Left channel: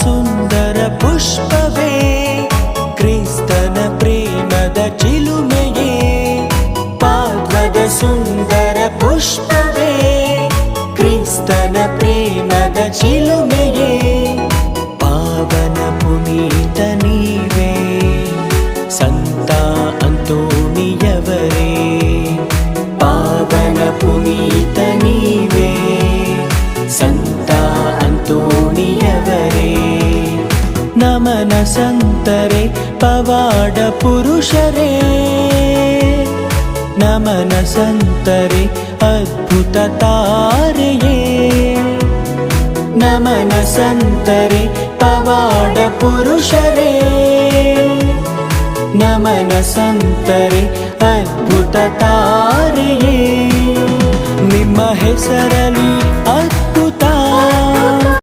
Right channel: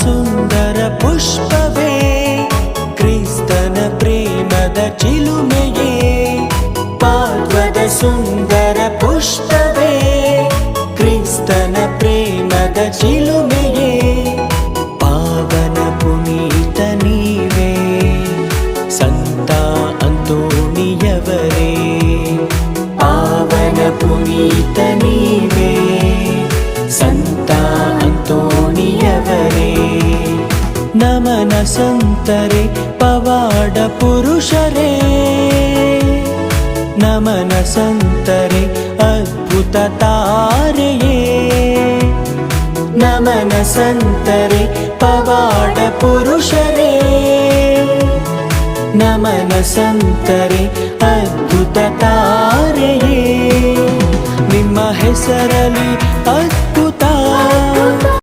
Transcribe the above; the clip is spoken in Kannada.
ಸುಂದರ ಪುಷ್ಪವೇ ಕ್ರಿಸ್ತನ ಪ್ರೇಮದ ಚಿಲುಮೆಯೇ ಪಾದ್ವದ ಸುಂದರ ಪುಷ್ಪವೇ ಕ್ರಿಸ್ತನ ಪ್ರೇಮದ ಚಿಲುಮೆಯೇ ಪಾವನ ಪುನೀತ ನೀವೇ ಸಂತ ಅಂತೋಣಿಯವರೇ ಪಾವನ ಪುನೀತ ನೀವೇ ಸಂತ ಅಂತೋಣಿಯವರೇ ನಮನ ಸಂತರೇ ಪವಾಡ ಪುರುಷರೇ ನಮನ ಸಂತರೇ ಅದ್ಭುತ ತಾರೆಯೇ ನಮನ ಸಂತರೇ ಪವಾಡ ಪುರುಷರೇ ನಮನ ಸಂತರೇ ಅದ್ಭುತ ತಾರೆಯೇ ನಿಮ್ಮ ಹೆಸರಲ್ಲಿ